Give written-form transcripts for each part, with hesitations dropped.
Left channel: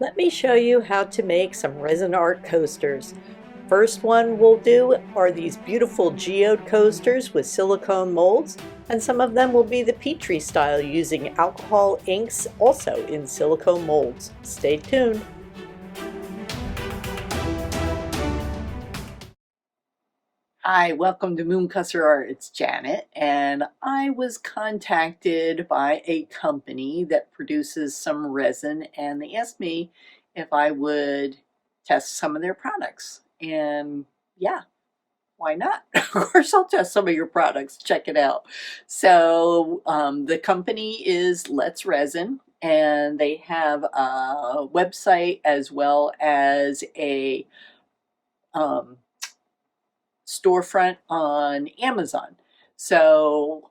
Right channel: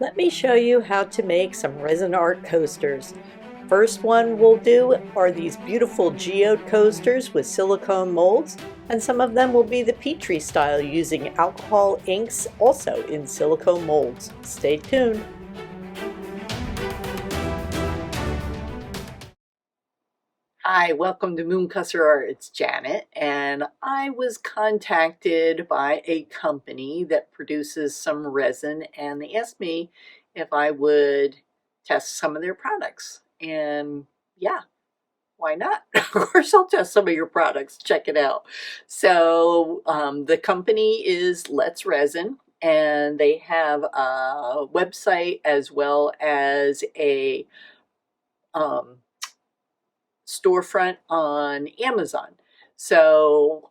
Let me show you how to make some resin art coasters. First one we'll do are these beautiful geode coasters with silicone molds, and some of them will be the Petri style using alcohol inks also in silicone molds. Stay tuned. Hi, welcome to Moonkusser Art. It's Janet, and I was contacted by a company that produces some resin, and they asked me if I would test some of their products. And yeah, why not? Of course, I'll test some of your products. Check it out. So, the company is Let's Resin, and they have a website as well as a um, storefront on Amazon. So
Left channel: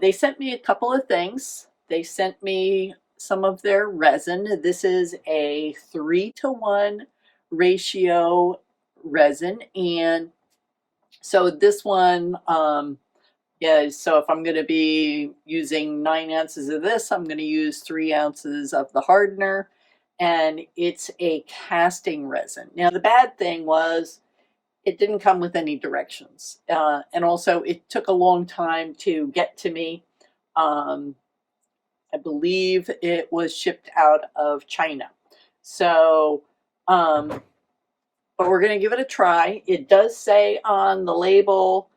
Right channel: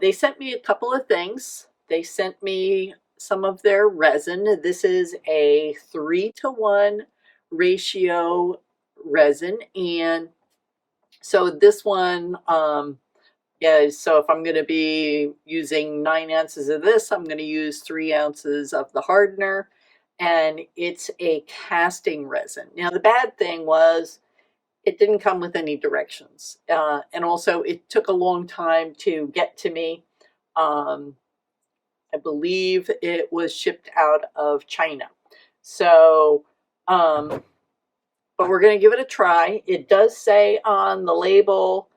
they sent me a couple of things. They sent me some of their resin. This is a 3-to-1 ratio resin. And so this one, yeah, so if I'm going to be using 9 ounces of this, I'm going to use 3 ounces of the hardener. And it's a casting resin. Now, the bad thing was, it didn't come with any directions. And also, it took a long time to get to me. I believe it was shipped out of China. So, but we're going to give it a try. It does say on the label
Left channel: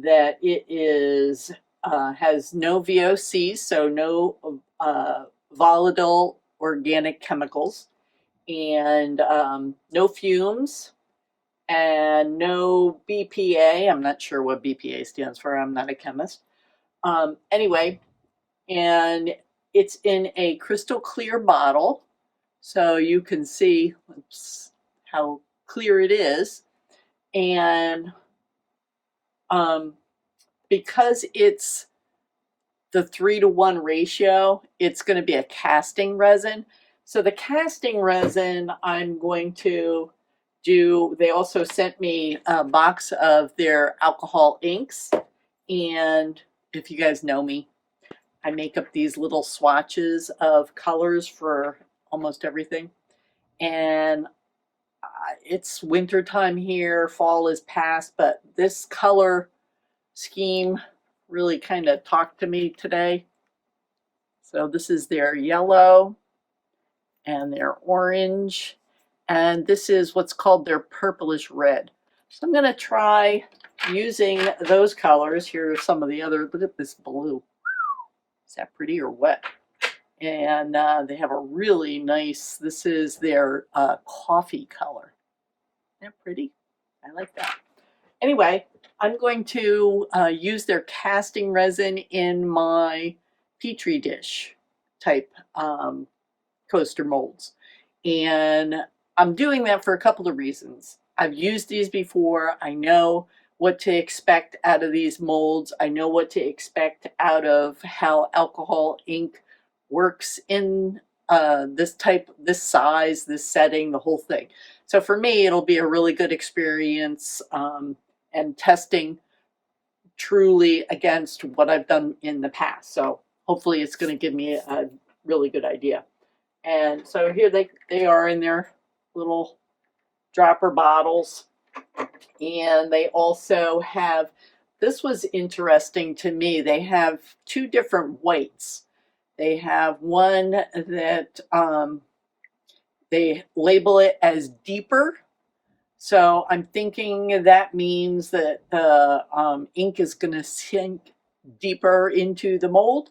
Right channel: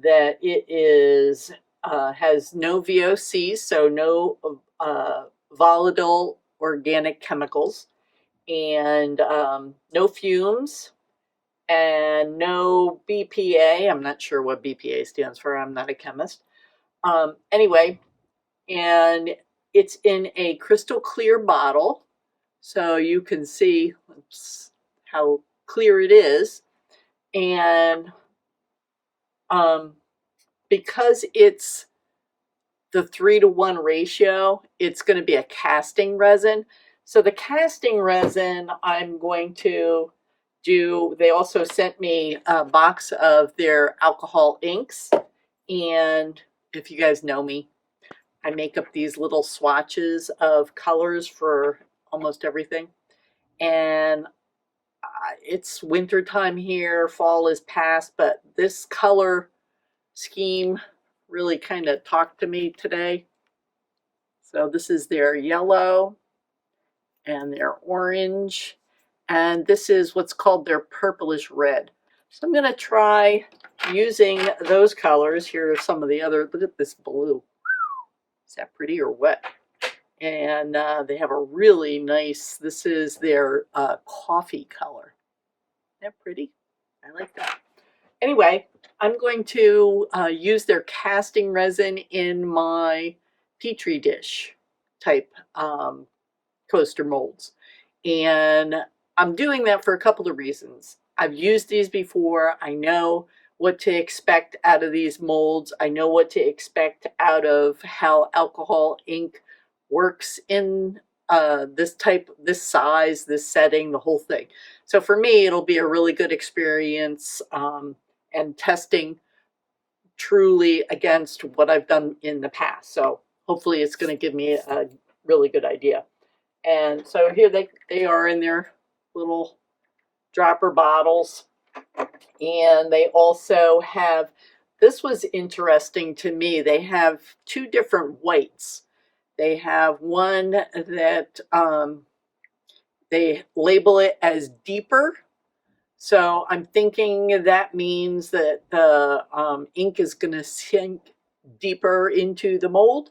that it is has no VOCs, so no volatile organic chemicals, and no fumes, and no BPA. I'm not sure what BPA stands for. I'm not a chemist. Anyway, and it's in a crystal clear bottle, so you can see how clear it is. And because it's the 3-to-1 ratio, it's going to be a casting resin. So the casting resin I'm going to do, they also sent me a box of their alcohol inks. And if you guys know me, I make up these little swatches of colors for almost everything. And it's winter time here, fall is past, but this color scheme really kind of talked to me today. So this is their yellow and their orange, and this is what's called their purplish red. So I'm going to try using those colors. Here are some of the other. Look at this blue. Is that pretty or what? And they have a really nice, this is their coffee color. Isn't that pretty? I like that. Anyway, I'm going to use their casting resin in my Petri dish type coaster molds. And I'm doing that for a couple of reasons. I've used these before. I know what to expect out of these molds. I know what to expect out of how alcohol ink works in this type, this size, this setting, the whole thing. So for me, it'll be a really good experience and testing truly against what I've done in the past. So hopefully it's going to give me a really good idea. And so here they are in their little dropper bottles. And they also have, this was interesting to me, they have two different whites. They have one that they label it as deeper. So I'm thinking that means that the ink is going to sink deeper into the mold.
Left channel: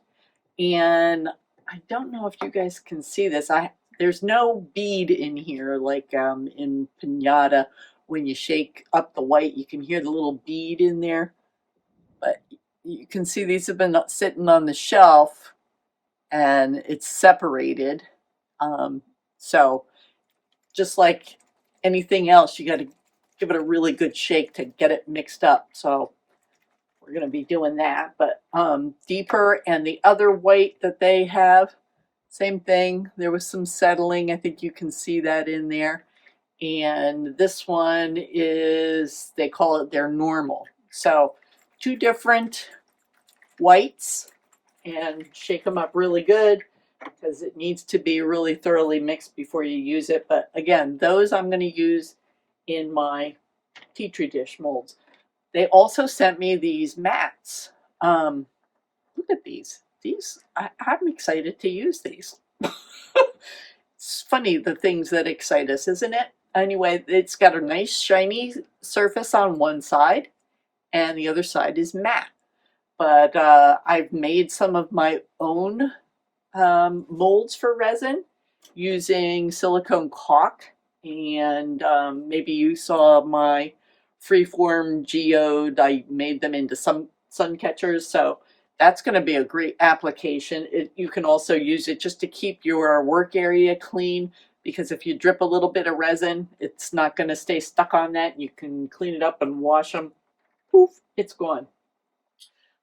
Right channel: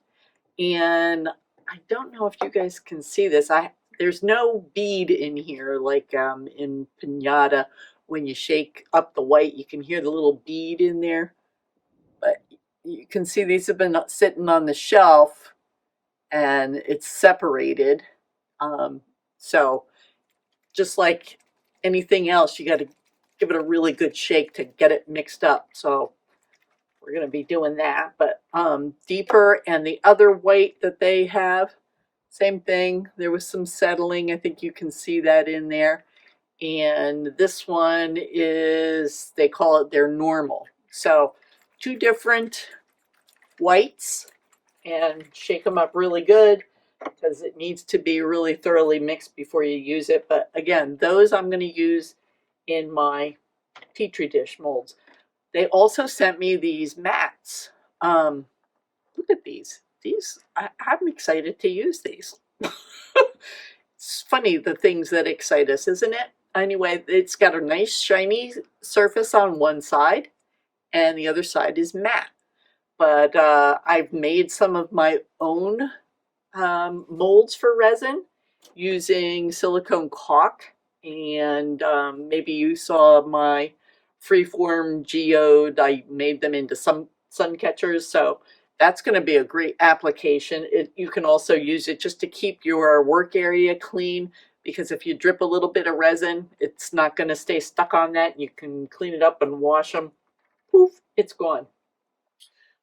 And I don't know if you guys can see this. There's no bead in here like in piñata. When you shake up the white, you can hear the little bead in there. But you can see these have been sitting on the shelf, and it's separated. So just like anything else, you got to give it a really good shake to get it mixed up. So we're going to be doing that. But deeper, and the other white that they have, same thing. There was some settling. I think you can see that in there. And this one is, they call it their normal. So two different whites, and shake them up really good. because it needs to be really thoroughly mixed before you use it. But again, those I'm going to use in my Petri dish molds. They also sent me these mats. Look at these. I'm excited to use these. It's funny the things that excite us, isn't it? Anyway, it's got a nice shiny surface on one side, and the other side is matte. But I've made some of my own molds for resin using silicone caulk, and maybe you saw my freeform geode. I made them into some sun catchers, so that's going to be a great application. You can also use it just to keep your work area clean, because if you drip a little bit of resin, it's not going to stay stuck on that. You can clean it up and wash them. Poof, it's gone.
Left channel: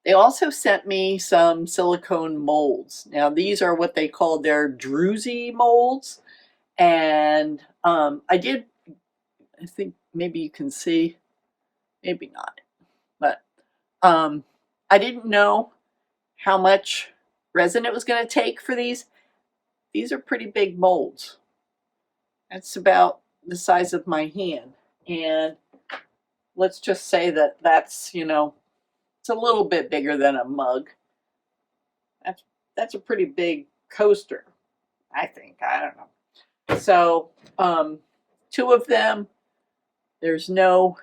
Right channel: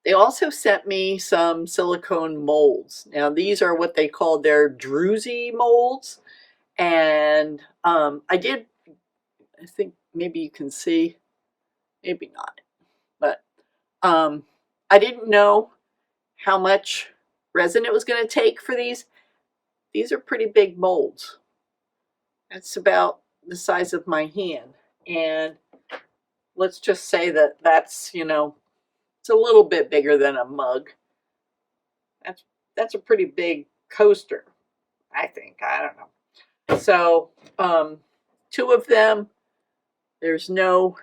They also sent me some silicone molds. Now, these are what they call their Druzy molds. And I think maybe you can see, maybe not, but I didn't know how much resin it was going to take for these. These are pretty big molds. That's about the size of my hand. And let's just say that that's, it's a little bit bigger than a mug. That's a pretty big coaster, I think. I don't know. So, two of them, there's no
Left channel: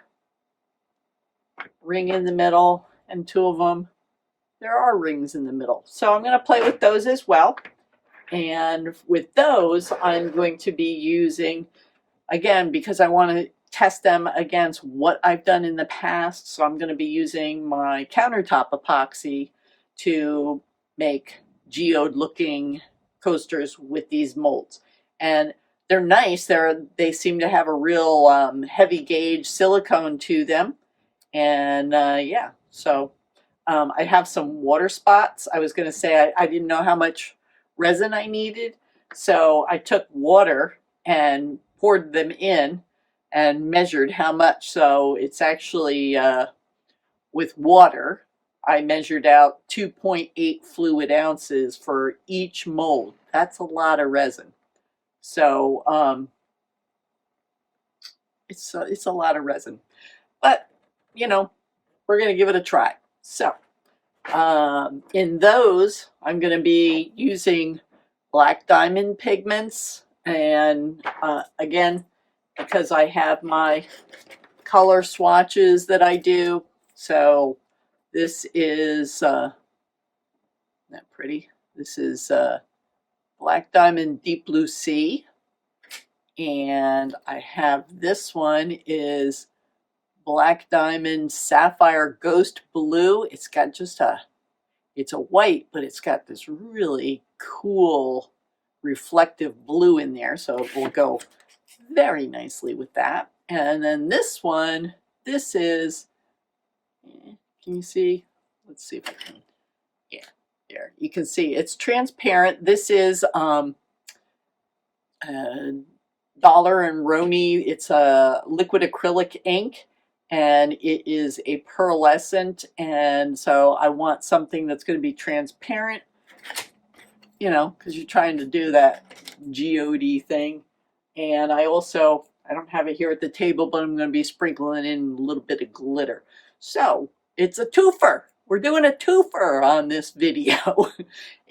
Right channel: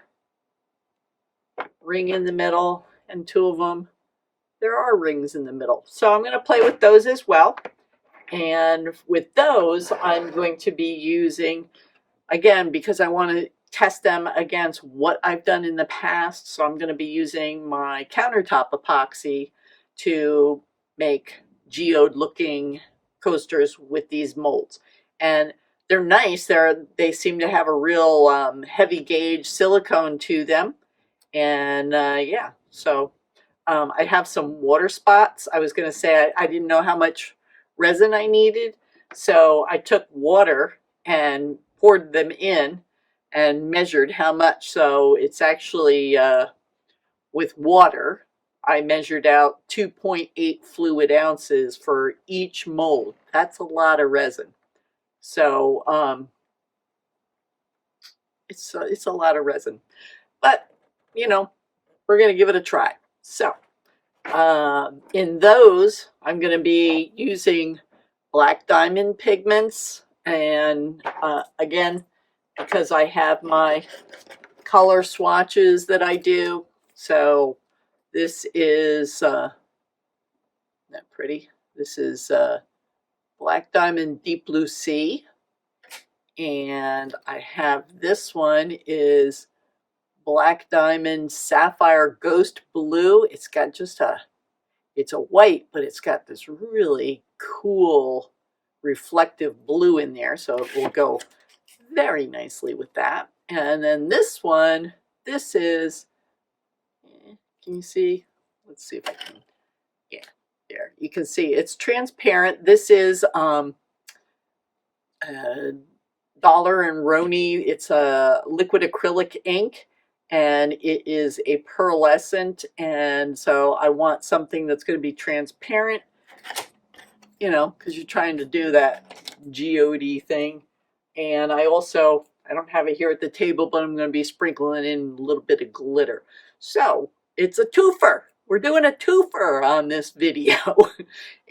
ring in the middle, and two of them, there are rings in the middle. So I'm going to play with those as well. And with those, I'm going to be using, again, because I want to test them against what I've done in the past. So I'm going to be using my countertop epoxy to make geode looking coasters with these molds. And they're nice. They seem to have a real heavy gauge silicone to them. And yeah, so I have some water spots. I was going to say I didn't know how much resin I needed. So I took water and poured them in and measured how much. So it's actually with water, I measured out 2.8 fluid ounces for each mold. That's a lot of resin. So it's a lot of resin. But, we're going to give it a try. So in those, I'm going to be using black diamond pigments. And again, because I have my color swatches that I do. So this is, isn't that pretty? This is Black Diamond Deep Blue Sea. And I have this one is Black Diamond Sapphire Ghost Blue. It's got just it's a white, but it's got this really cool reflective blue in there. So it will go very nicely with that. And then this one, this is, can you see? Let's see if I can, yeah, there. You can see it's transparent. This is Dollar and Roni. It's a liquid acrylic ink, and it is a pearlescent. And so I want something that's going to be transparent, because you're trying to do that geode thing. And I don't have it here at the table, but I'm going to be sprinkling in a little bit of glitter. So it's a twofer. We're doing a twofer on this video.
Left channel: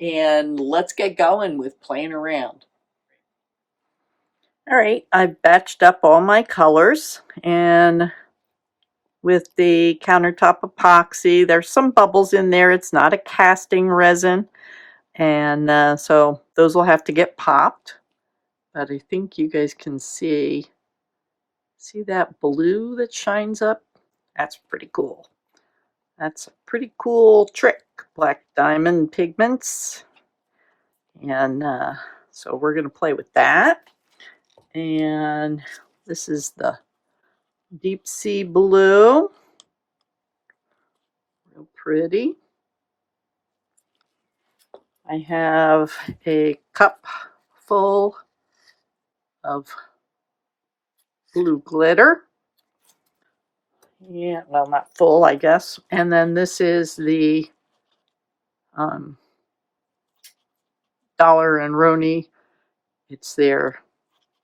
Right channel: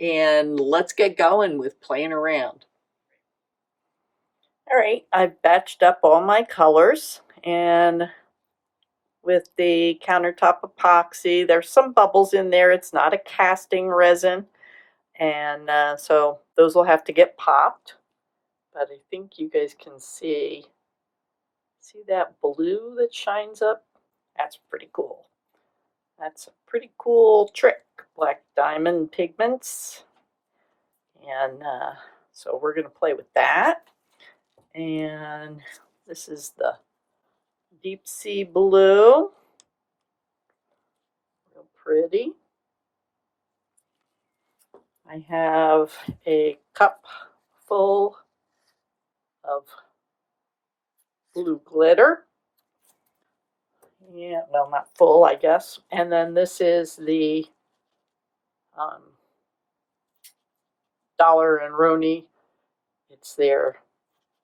And let's get going with playing around. All right, I've batched up all my colors, and with the countertop epoxy, there's some bubbles in there. It's not a casting resin, and so those will have to get popped. But I think you guys can see that blue that shines up? That's pretty cool. That's a pretty cool trick, black diamond pigments. And so we're going to play with that. And this is the deep sea blue. Real pretty. I have a cup full of blue glitter. Yeah, well, not full, I guess. And then this is the Dollar and Roni. It's their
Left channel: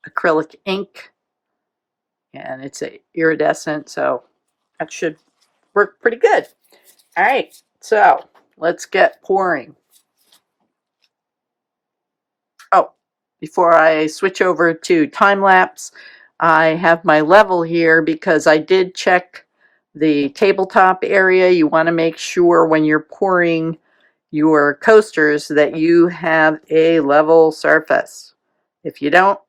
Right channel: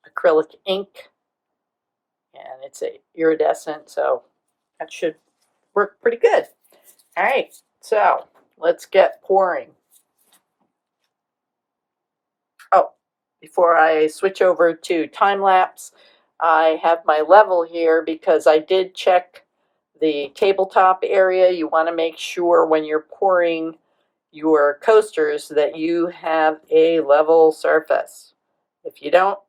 acrylic ink, and it's a iridescent, so that should work pretty good. All right, so let's get pouring. Oh, before I switch over to time lapse, I have my level here because I did check the tabletop area. You want to make sure when you're pouring your coasters that you have a level surface. If you don't,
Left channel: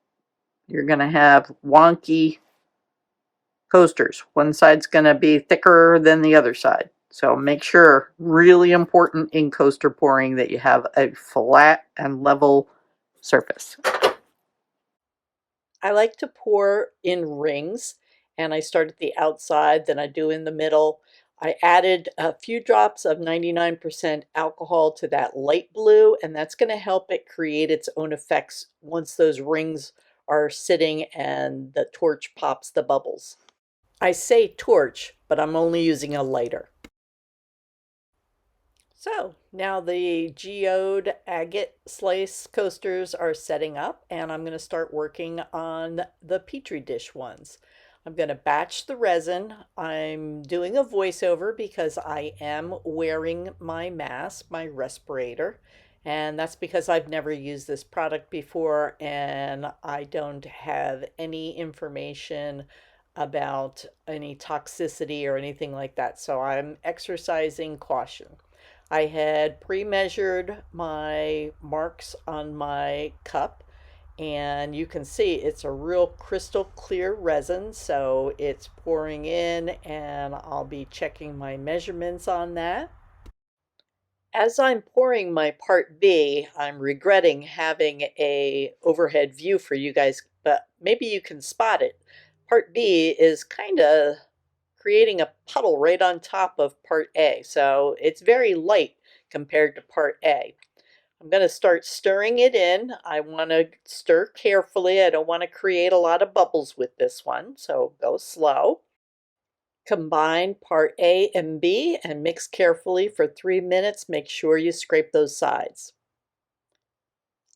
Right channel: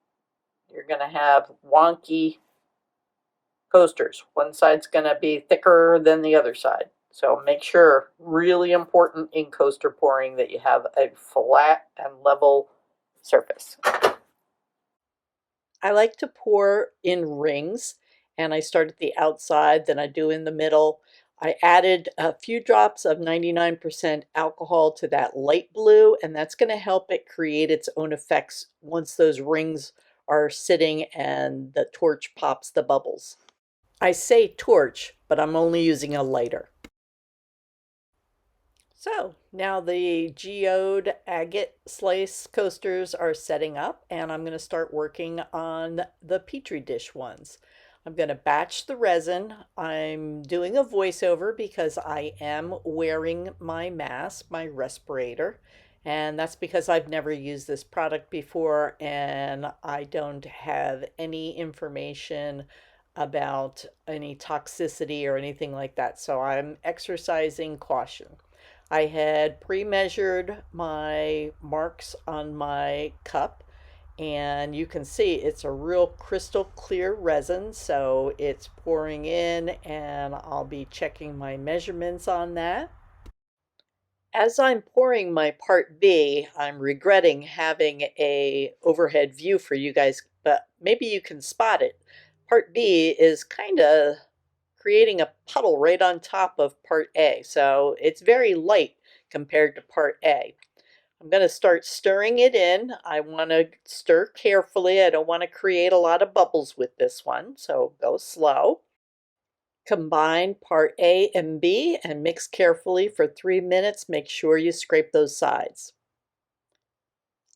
you're going to have wonky coasters. One side's going to be thicker than the other side. So make sure, really important in coaster pouring, that you have a flat and level surface. I like to pour in rings, and I start at the outside, then I do in the middle. I added a few drops of 99% alcohol to that light blue, and that's going to help it create its own effects once those rings are sitting and the torch pops the bubbles. I say torch, but I'm only using a lighter. So now the Geode Agate Slice coasters are setting up, and I'm going to start working on the Petri dish ones. I'm going to batch the resin. I'm doing a voiceover because I am wearing my mask, my respirator, and that's because I've never used this product before and I don't have any information about any toxicity or anything like that. So I'm exercising caution. I had pre-measured my marks on my cup, and you can see it's a real crystal clear resin, so it's pouring in and I'll be checking my measurements on that. As I'm pouring my part B, I'm regretting having a overhead view for you guys, but maybe you can spot it. Part B is kind of creating a puddle right on top of part A. So it's very light compared to part A. I'm going to start stirring it in. I want to stir carefully. I don't want to create a lot of bubbles with this one, so go slow. Combine part A and B and mix carefully for 3 minutes. Make sure you scrape those sides.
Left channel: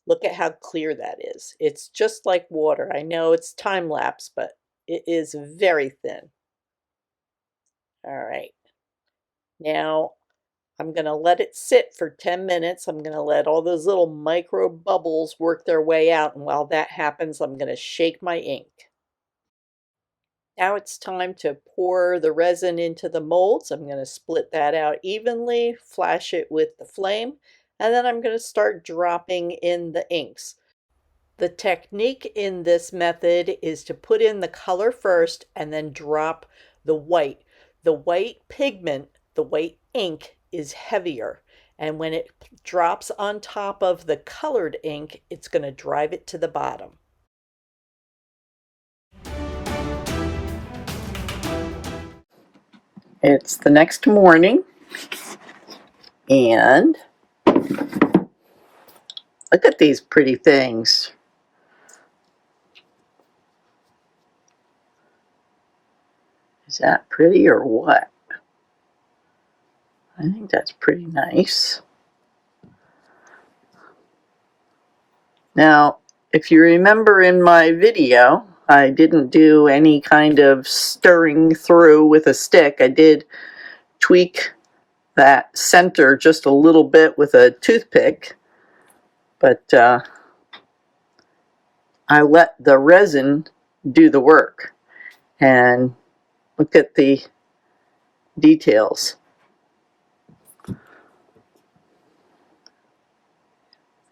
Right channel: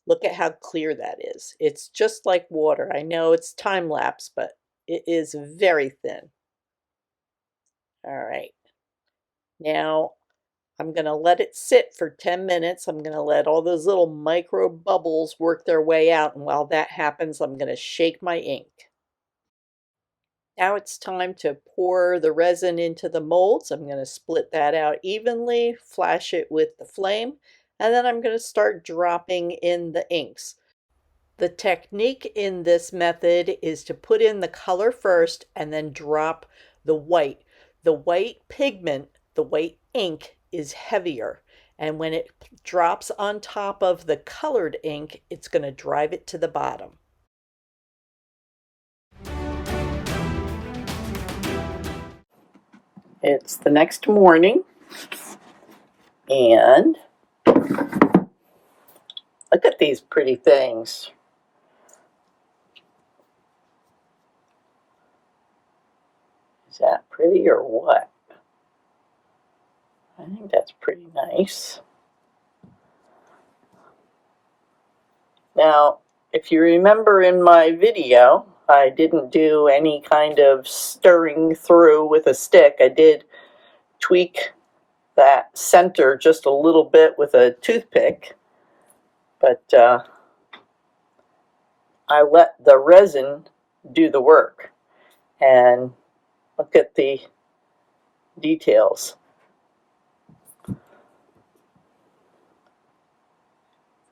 Look at how clear that is. It's just like water. I know it's time lapse, but it is very thin. All right. Now I'm going to let it sit for 10 minutes. I'm going to let all those little micro bubbles work their way out. And while that happens, I'm going to shake my ink. Now it's time to pour the resin into the molds. I'm going to split that out evenly, flash it with the flame, and then I'm going to start dropping in the inks. The technique in this method is to put in the color first and then drop the white. The white pigment, the white ink, is heavier, and when it drops on top of the colored ink, it's going to drive it to the bottom. It's the next morning, and look at these pretty things. Is that pretty or what? I think that's pretty nice. Now, if you remember in my video, I didn't do any kind of stirring through with a stick. I did tweak that center just a little bit with a toothpick, but I let the resin do the work. And look at the details.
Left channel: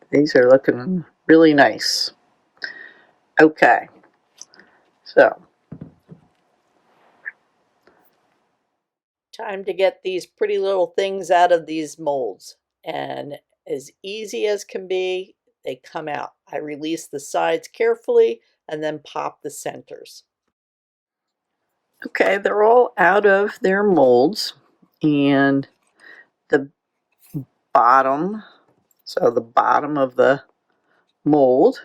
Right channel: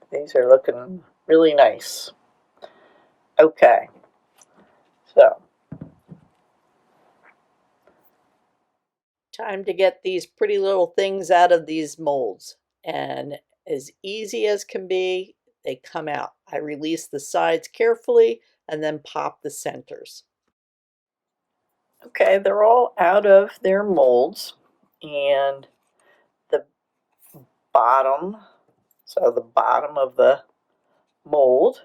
These are looking really nice. Okay, so time to get these pretty little things out of these molds. And as easy as can be, they come out. I release the sides carefully and then pop the centers. Okay, they're all out of their molds, and the bottom, so the bottom of the mold,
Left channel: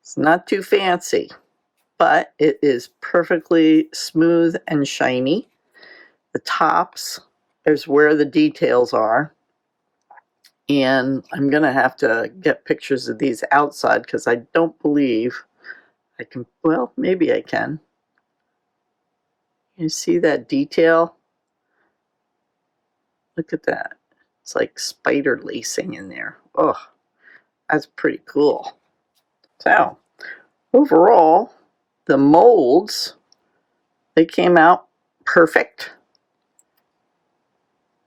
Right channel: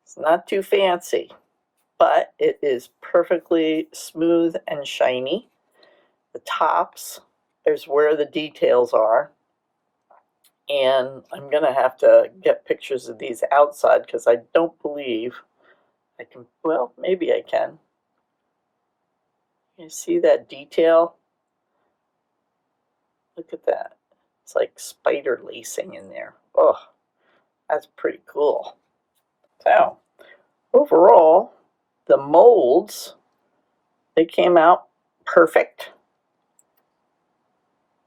it's not too fancy, but it is perfectly smooth and shiny. The tops is where the details are, And I'm going to have to get pictures of these outside because I don't believe I can, well, maybe I can. You see that detail? Look at that. It's like spider lacing in there. Oh, that's pretty cool. So, overall, the molds, they came out perfect.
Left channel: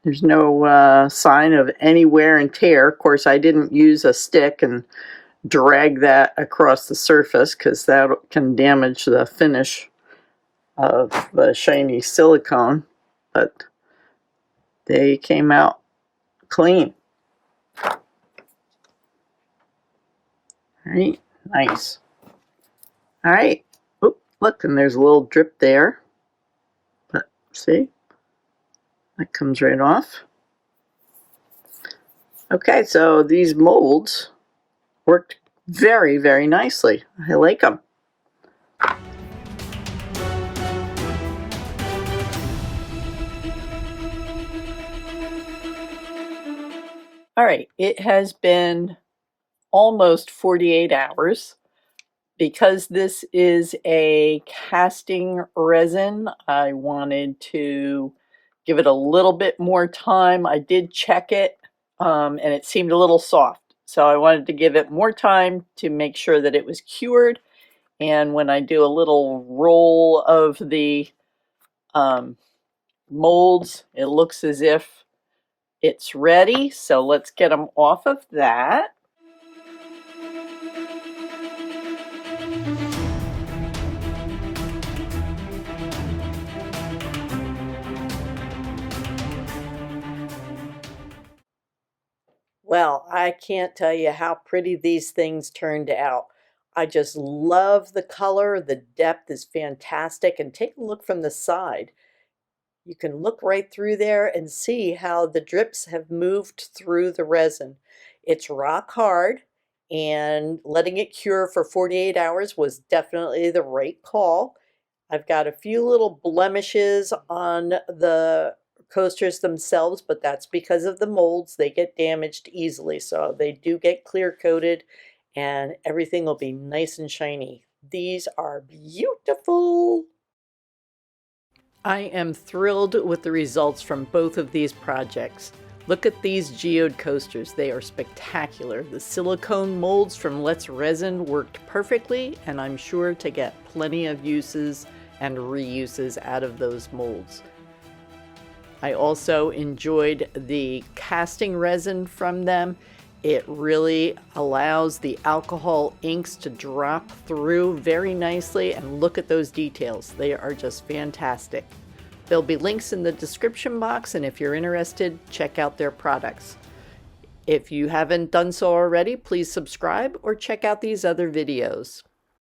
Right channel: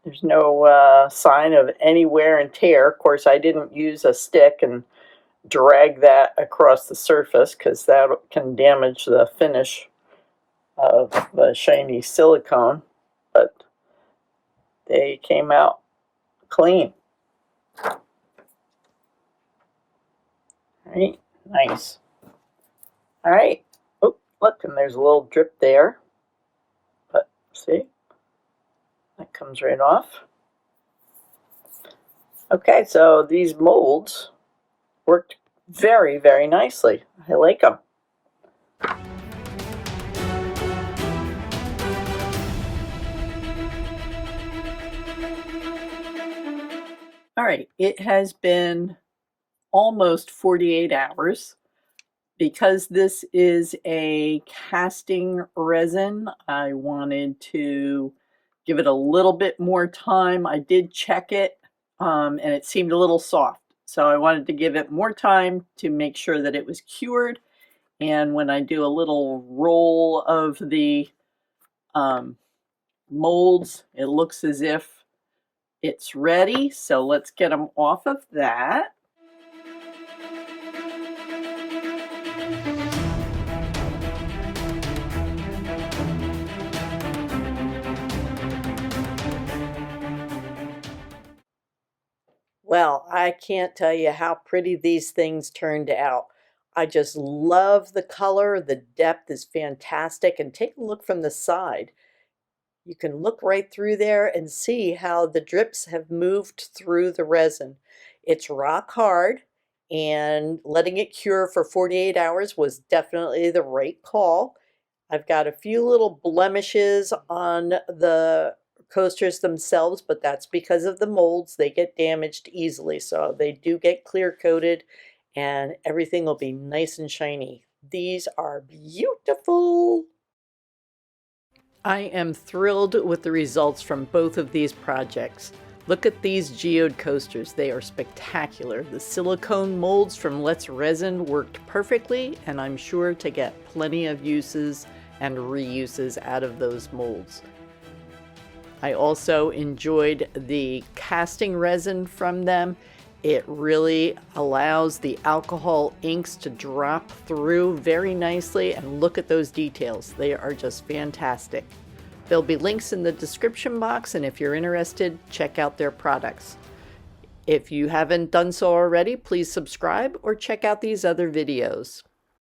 There's no sign of any wear and tear. Of course, I didn't use a stick and drag that across the surface because that can damage the finish of the shiny silicone, but they came out clean. All right, nice. All right, oh, look, and there's a little drip there, but see, that comes right off. Okay, so these molds worked very, very nicely. I like them. All right, it has been almost 48 hours. Because this is a casting resin, I wanted to give it a little bit more time. I did check it, and it seemed a little soft. So I wanted to give it more time to make sure that it was cured. And when I do a little roll of the molds, it looks as if it's ready. So let's get them off of that. Well, I can't tell you how pretty these things turned out. I just love the color. The depth is fantastic. And take a look from the side. You can look right through there and see how the drips have moved through the resin. It's rock hard, and letting it cure for 48 hours was definitely the right call. I've got a few little blemishes on the coasters themselves, but that's because of the molds. They get damaged easily, so they do get clear coated and everything will be nice and shiny. These are beautiful. I am thrilled with the results from both of these projects. Look at these geode coasters. They are spectacular. The silicone molds from Let's Resin worked perfectly, and I'm sure to get plenty of uses and reuses out of those molds. I also enjoyed the casting resin from them. It really allows the alcohol inks to drop through very nicely, and look at those details. They are just fantastic. There'll be links in the description box, and if you're interested, check out their products. If you haven't done so already, please subscribe or check out these other videos.